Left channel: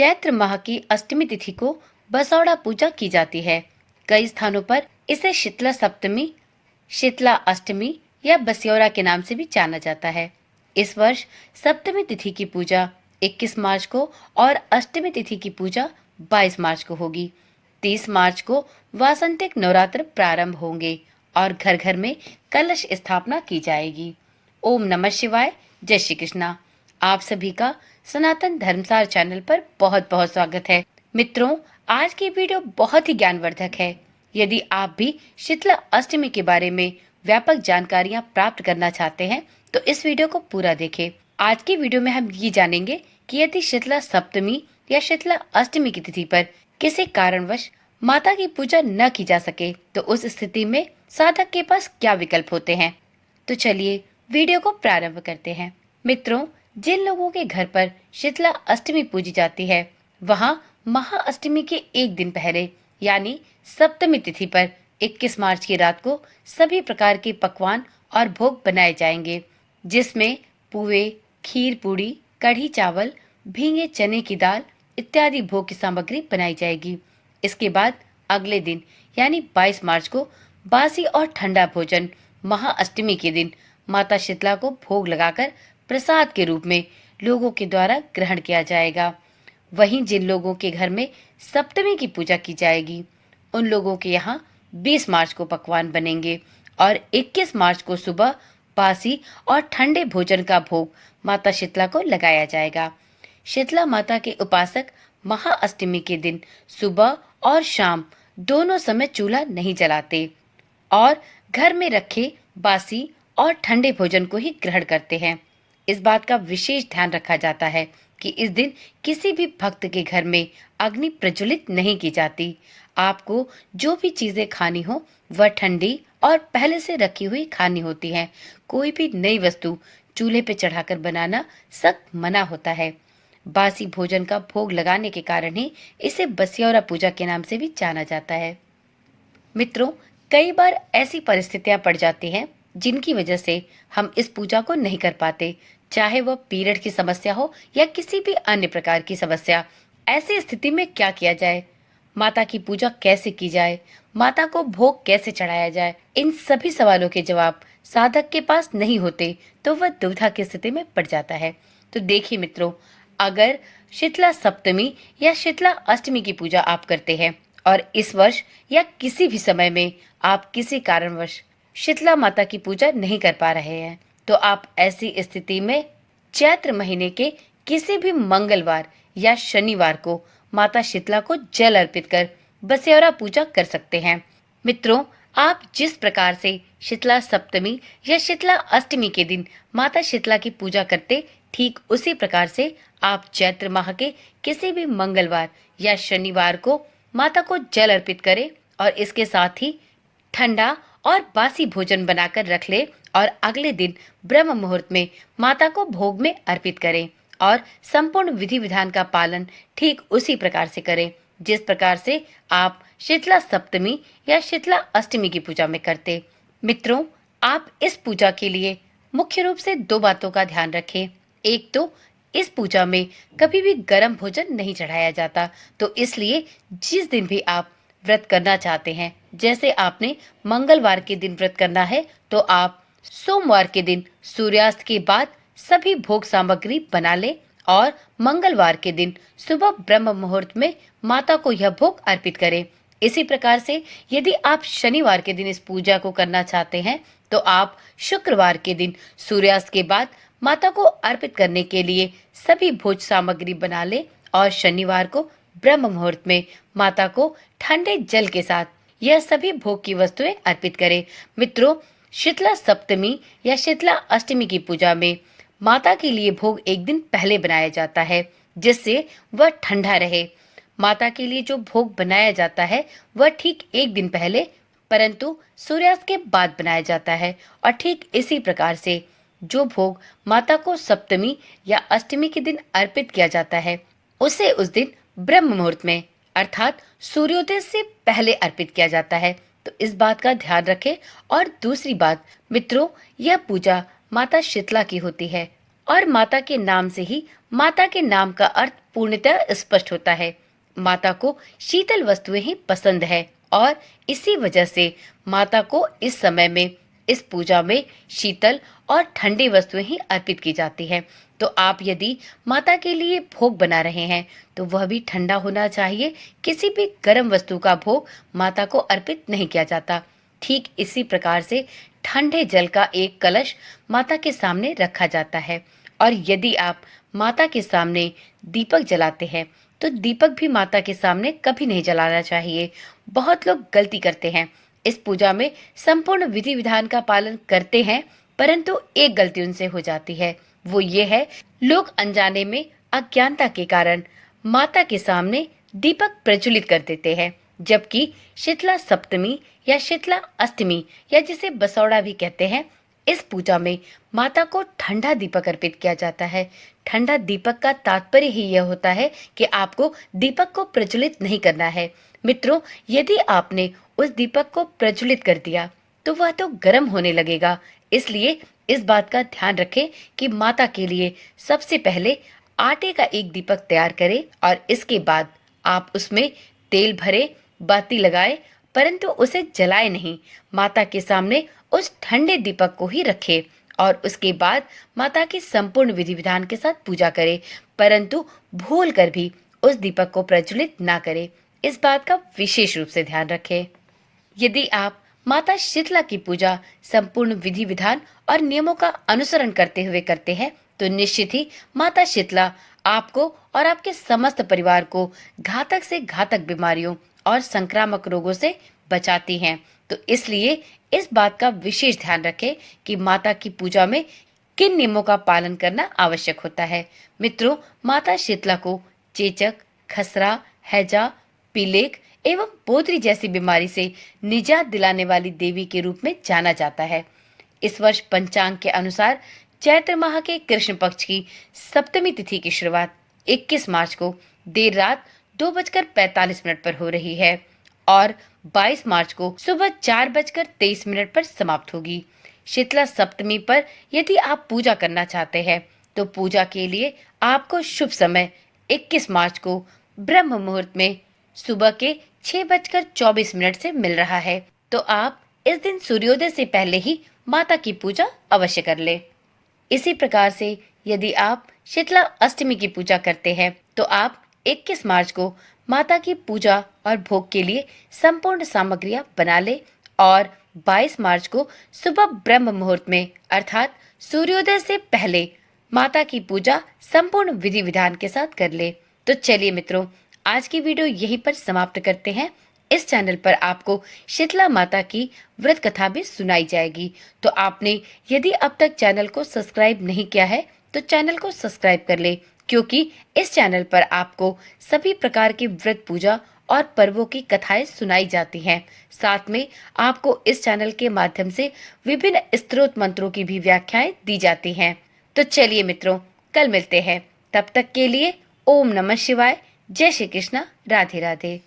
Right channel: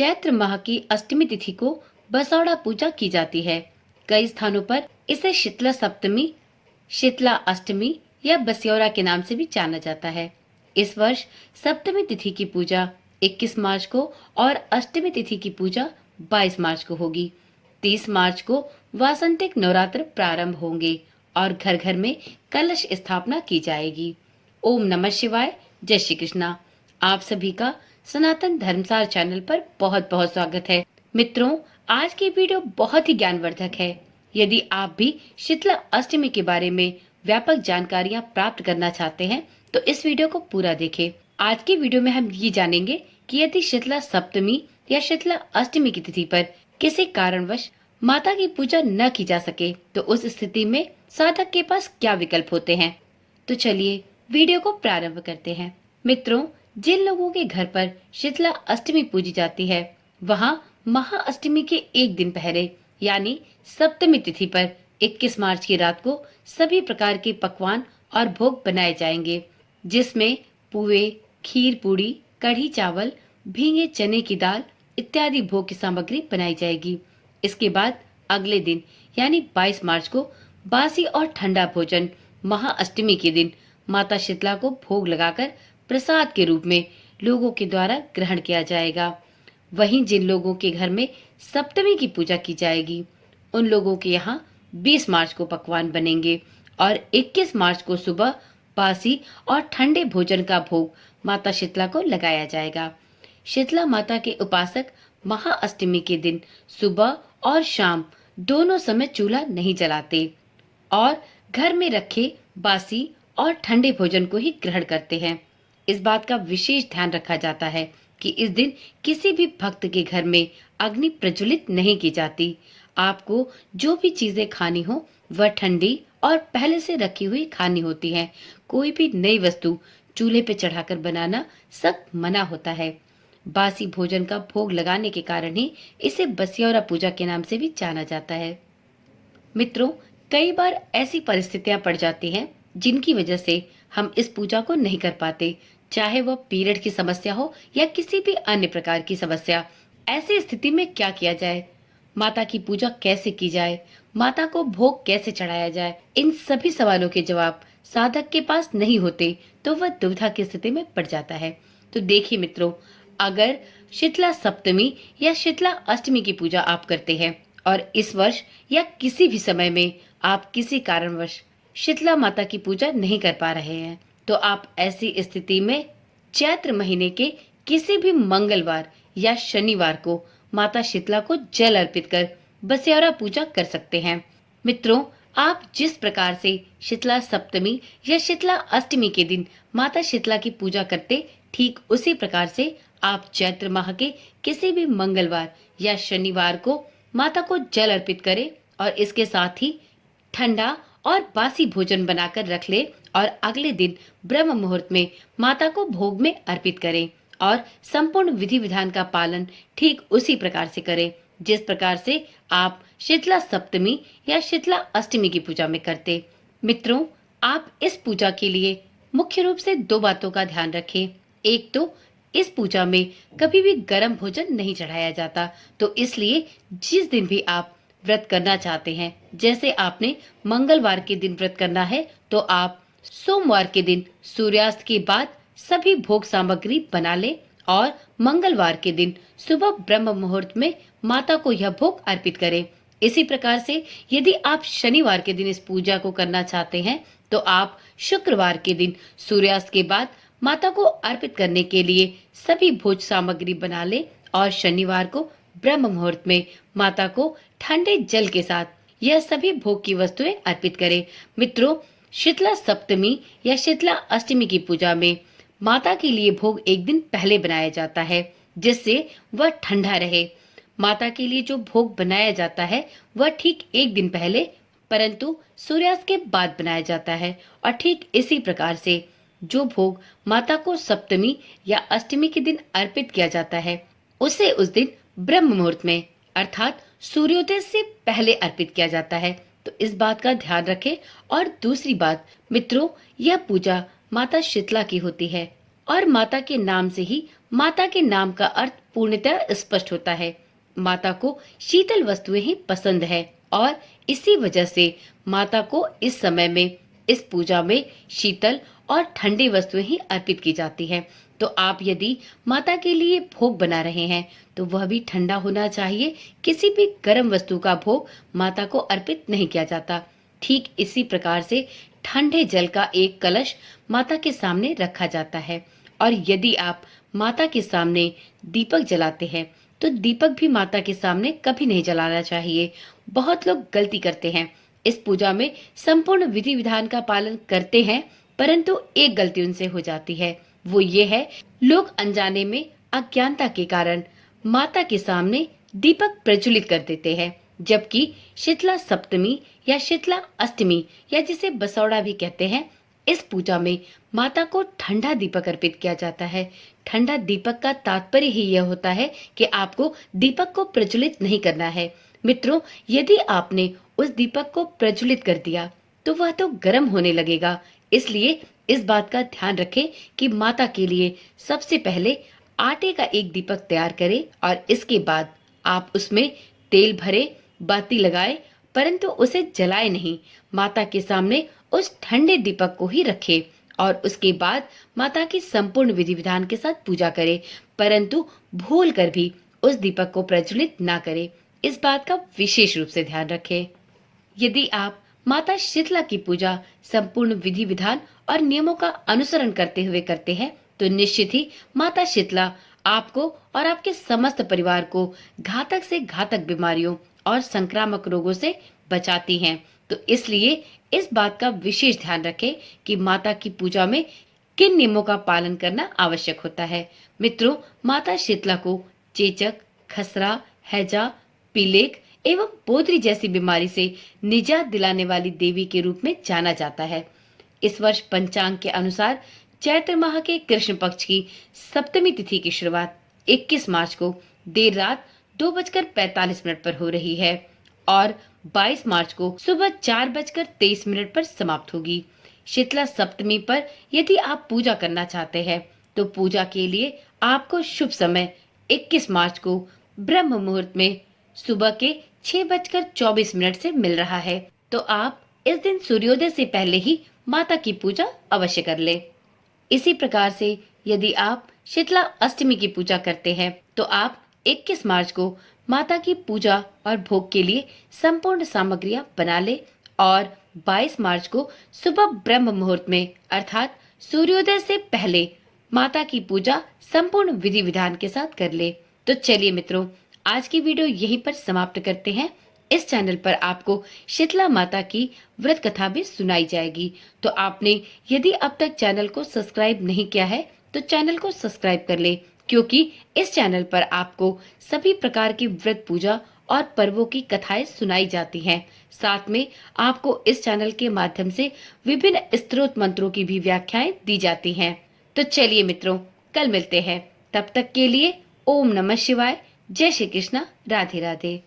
चैत्र माह की अष्टमी तिथि को बसौड़ा पूजा की जाती है। कई स्थानों पर इसे शीतला सप्तमी, शीतला अष्टमी या बस्योरा के नाम से भी जाना जाता है। इस वर्ष सप्तमी तिथि की पूजा 21 मार्च को और अष्टमी तिथि की पूजा 22 मार्च को होगी। 30 मार्च को वासंतिक नवरात्र प्रारंभ होंगे और घर घर में कलश स्थापना की जाएगी। ओम नमः शिवाय, जय श्री कृष्णा। आप सभी का सनातन धर्मसार चैनल पर बहुत बहुत स्वागत है। मित्रों, आज की वीडियो बहुत ही ज्ञानवर्धक है। यदि आप भी शीतला अष्टमी के बारे में व्यापक जानकारियां प्राप्त करना चाहते हैं तो इस वीडियो को पूरा देखें। आज की वीडियो में हम ये जानेंगे कि यदि शीतला सप्तमी या शीतला अष्टमी की तिथि पर किसी कारणवश माता की पूजा न की जा सके तो उस स्थिति में साधक के पास क्या विकल्प होते हैं। तो चलिए वीडियो को प्रारंभ करते हैं। मित्रों, जिन लोगों के घर पर शीतला अष्टमी पूजी जाती है वहां महाअष्टमी के एक दिन पहले यानी सप्तमी तिथि पर 21 मार्च की रात को सभी प्रकार के पकवान और भोग बनाए जाएंगे, जिसमें पुए, खीर पूड़ी, कढ़ी चावल, भीगे चने की दाल इत्यादि भोग की सामग्री बनाई जाएगी। इसके बाद अगले दिन यानी 22 मार्च को बासी और ठंडा भोजन महाअष्टमी के दिन माता शीतला को भोग लगाकर प्रसाद के रूप में लोगों के द्वारा ग्रहण किया जाएगा। वहीं जिन लोगों के घर में सप्तमी की पूजा की जाएगी उन लोगों के यहाँ 20 मार्च को पकवान बनेंगे और 21 मार्च को सुबह बासी और ठंडे भोजन का भोग माता शीतला को लगाया जाएगा। शीतला माता के उपासक महाअष्टमी के दिन सुबह और शाम दोनों समय चूल्हा नहीं जलाते और घर में रखे बासी और ठंडे भोजन को ही ग्रहण करते हैं। इस बात का विशेष ध्यान रखा जाता है कि इस दिन किसी भी भक्त के घर में अग्नि प्रज्वलित नहीं की जाती। आपको जो भी चीजें खानी हो वह ठंडी और पहले से रखी हुई खानी होती है। कोई भी नई वस्तु चूल्हे पे चढ़ाकर बनाना सख्त मना होता है। बासी भोजन का भोग लगाने के कारण ही इसे बस्योरा पूजा के नाम से भी जाना जाता है। मित्रों, कई बार ऐसी परिस्थितियां पड़ जाती हैं जिनकी वजह से हम इस पूजा को नहीं कर पाते, चाहे वह पीरियड की समस्या हो या किसी भी अन्य प्रकार की समस्या। ऐसी स्थिति में क्या किया जाए, माता की पूजा कैसे की जाए, माता को भोग कैसे चढ़ाया जाए, इन सभी सवालों के जवाब साधक के पास नहीं होते तो वह दुविधा की स्थिति में पड़ जाता है। तो देखिए मित्रों, अगर शीतला सप्तमी या शीतला अष्टमी की पूजा आप करते हैं और इस वर्ष या किसी भी समय में आप किसी कारणवश शीतला माता की पूजा नहीं कर पा रहे हैं तो आप ऐसी स्थिति में चैत्र महीने के किसी भी मंगलवार या शनिवार को माता शीतला को जल अर्पित कर बस्योरा पूजा कर सकते हैं। मित्रों, आप जिस प्रकार से शीतला सप्तमी या शीतला अष्टमी के दिन माता शीतला की पूजा करते, ठीक उसी प्रकार से आप चैत्र माह के किसी भी मंगलवार या शनिवार को माता को जल अर्पित करें और इसके साथ ही ठंडा और बासी भोजन बनाकर रख ले और अगले दिन ब्रह्म मुहूर्त में माता को भोग में अर्पित करें और संपूर्ण विधि विधान का पालन ठीक उसी प्रकार से करें जिस प्रकार से आप शीतला सप्तमी या शीतला अष्टमी की पूजा में करते। मित्रों, आप इस पूजा के लिए मुख्य रूप से दो बातों का ध्यान रखें। एक तो इस पूजा में कभी भी गर्म भोजन नहीं चढ़ाया जाता, तो इसलिए जिस दिन भी आप व्रत करना चाहते हैं, जैसे आपने मंगलवार के दिन व्रत करना है तो आप सोमवार के दिन सूर्यास्त के बाद सभी भोग सामग्री बना ले और मंगलवार के दिन सुबह ब्रह्म मुहूर्त में माता को यह भोग अर्पित करें। इसी प्रकार से यदि आप शनिवार के दिन इस पूजा को करना चाहते हैं तो आप शुक्रवार के दिन सूर्यास्त के बाद माता को अर्पित करने के लिए सभी भोज सामग्री बना ले और शनिवार को ब्रह्म मुहूर्त में माता को ठंडे जल के साथ यह सभी भोग की वस्तुएं अर्पित करें। मित्रों, शीतला सप्तमी या शीतला अष्टमी की पूजा में माता के लिए भोग एक दिन पहले बनाया जाता है जिससे वह ठंडा रहे। माता के लिए जो भोग बनाया जाता है वह ठीक एक दिन पहले परंतु सूर्यास्त के बाद बनाया जाता है और ठीक इसी प्रकार से जो भोग माता को सप्तमी या अष्टमी के दिन अर्पित किया जाता है उसे उस दिन ब्रह्म मुहूर्त में अर्थात सूर्योदय से पहले अर्पित किया जाता है। तो इस बात का ध्यान रखें। और दूसरी बात मित्रों, यह पूजा माता शीतला की होती है और माता के नाम से ही माता के नाम का अर्थ पूर्णतः स्पष्ट होता है। माता को शीतल वस्तुएं ही पसंद है और इसी वजह से माता को इस समय में इस पूजा में शीतल और ठंडी वस्तुएं ही अर्पित की जाती है। तो आप यदि माता के लिए भोग बना रहे हैं तो वह भी ठंडा होना चाहिए। किसी भी गर्म वस्तु का भोग माता को अर्पित नहीं किया जाता। ठीक इसी प्रकार से ठंडे जल का एक कलश माता के सामने रखा जाता है और यदि आप माता के सामने दीपक जलाते हैं तो दीपक भी माता के सामने कभी नहीं जलाना चाहिए। बहुत लोग गलती करते हैं। इस पूजा में संपूर्ण विधि विधान का पालन करते हैं, परंतु एक गलती उनसे हो जाती है। वो ये है, लोग अनजाने में अज्ञानता के कारण माता के सामने दीपक प्रज्वलित कर देते हैं, जबकि शीतला सप्तमी या शीतला अष्टमी या जिसे बसौड़ा भी कहते हैं, इस पूजा में माता को ठंडा दीपक अर्पित किया जाता है। ठंडा दीपक का तात्पर्य ही यह होता है कि आपको दीपक को प्रज्वलित नहीं करना है। मित्रों, यदि आपने उस दीपक को प्रज्वलित कर दिया तो वह तो गर्म होने लगेगा। इसलिए इस बात का ध्यान रखें कि माता के लिए सबसे पहले आटे का एक दीपक तैयार करें और इसके बाद आप उसमें तेल भरे, बाती लगाए, परंतु उसे जलाए नहीं। माता के सामने उस ठंडे दीपक को ही रखें और उसके बाद माता की संपूर्ण विधि विधान के साथ पूजा करें, परंतु भूल कर भी उस दीपक को प्रज्वलित ना करें। इस बात का विशेष रूप से ध्यान रखें। यदि आप माता शीतला की पूजा संपूर्ण विधि विधान और नियमों का अनुसरण करते हुए करते हैं तो निश्चित ही माता शीतला आपको और आपके समस्त परिवार को घातक से घातक बीमारियों और संक्रामक रोगों से बचाती हैं। तो इसलिए इस बात का विशेष ध्यान रखें कि माता की पूजा में किन नियमों का पालन करना आवश्यक होता है। मित्रों, माता शीतला को चेचक, खसरा, हैजा, पीलेक एवं पोद्री जैसी बीमारी से निजात दिलाने वाली देवी के रूप में जाना जाता है। इस वर्ष पंचांग के अनुसार चैत्र माह के कृष्ण पक्ष की सप्तमी तिथि की शुरुआत 21 मार्च को देर रात 2:45 पर हो रही है और 22 मार्च को सुबह 4:23 पर समाप्त होगी। शीतला सप्तमी पर यदि आप पूजा करना चाहते हैं तो पूजा के लिए आपको शुभ समय 21 मार्च को ब्रह्म मुहूर्त में सुबह के 6:24 से मिल रहा है। तो आप इस दिन सूर्योदय से पहले ही माता की पूजा अवश्य कर ले। इसी प्रकार से यदि आप शीतला अष्टमी की पूजा करते हैं तो आप 21 मार्च को माता की पूजा और भोग के लिए संपूर्ण सामग्रियां बना ले और 22 मार्च को सुबह ब्रह्म मुहूर्त में अर्थात सूर्योदय से पहले माता की पूजा संपूर्ण विधि विधान के साथ कर ले। तो चलिए मित्रों, आज की वीडियो यहीं पर समाप्त करते हैं। इस चैनल पर आपको शीतला माता की व्रत कथा भी सुनाई जाएगी। तो आपने यदि अब तक चैनल को सब्सक्राइब नहीं किया है तो चैनल को सब्सक्राइब कर ले, क्योंकि इस चैनल पर आपको सभी प्रकार की व्रत पूजा और पर्वों की कथाएं सुनाई जाती हैं। साथ में आपको इस चैनल के माध्यम से विभिन्न स्तोत्र मंत्रों की भी व्याख्याएं दी जाती हैं। तो चलिए मित्रों, कल मिलते हैं। तब तक के लिए ओम नमः शिवाय, जय श्री कृष्णा, राधे राधे।